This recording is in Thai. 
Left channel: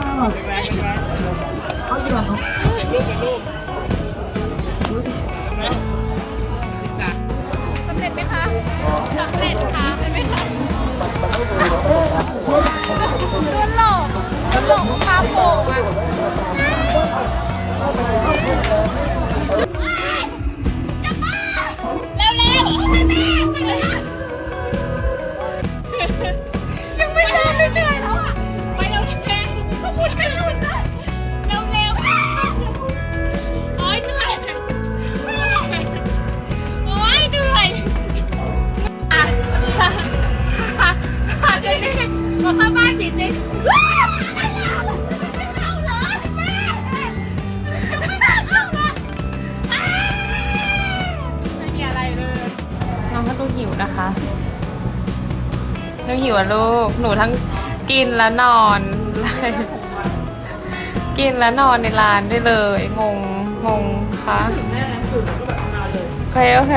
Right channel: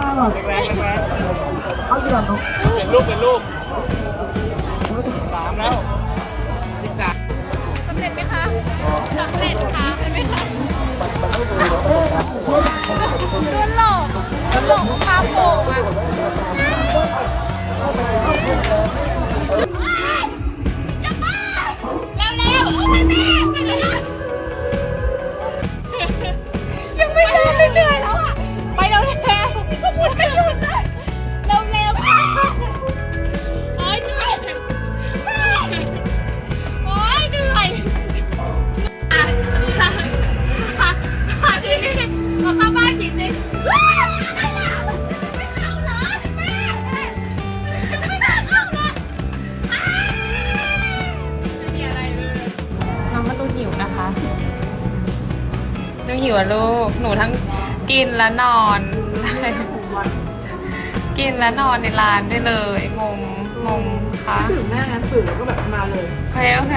แรงแรงเอาอยู่แล้วเนาะเป็นลูกเป็นลูกสามแล้วอีกสามสำเร็จไหมคะสำเร็จค่ะเห็นไหมคะโดนหลอกโดนหลอกพาโป่งอะ อเข้าบ้านผิดเลยว้าวไม่เข้าเหรอแม่ไม่น่าเข้าเลยอ้าวไม่มีอะไรเลยน้องก็ดูหิวนะคะดูหิวอะลูก หนูทั้งกินและนอน กินและนอนในร้านได้เลยงงงงค่ะ ถึงแม่น้ำตื่นแล้วก็แบบมาเลย โอเคโอเค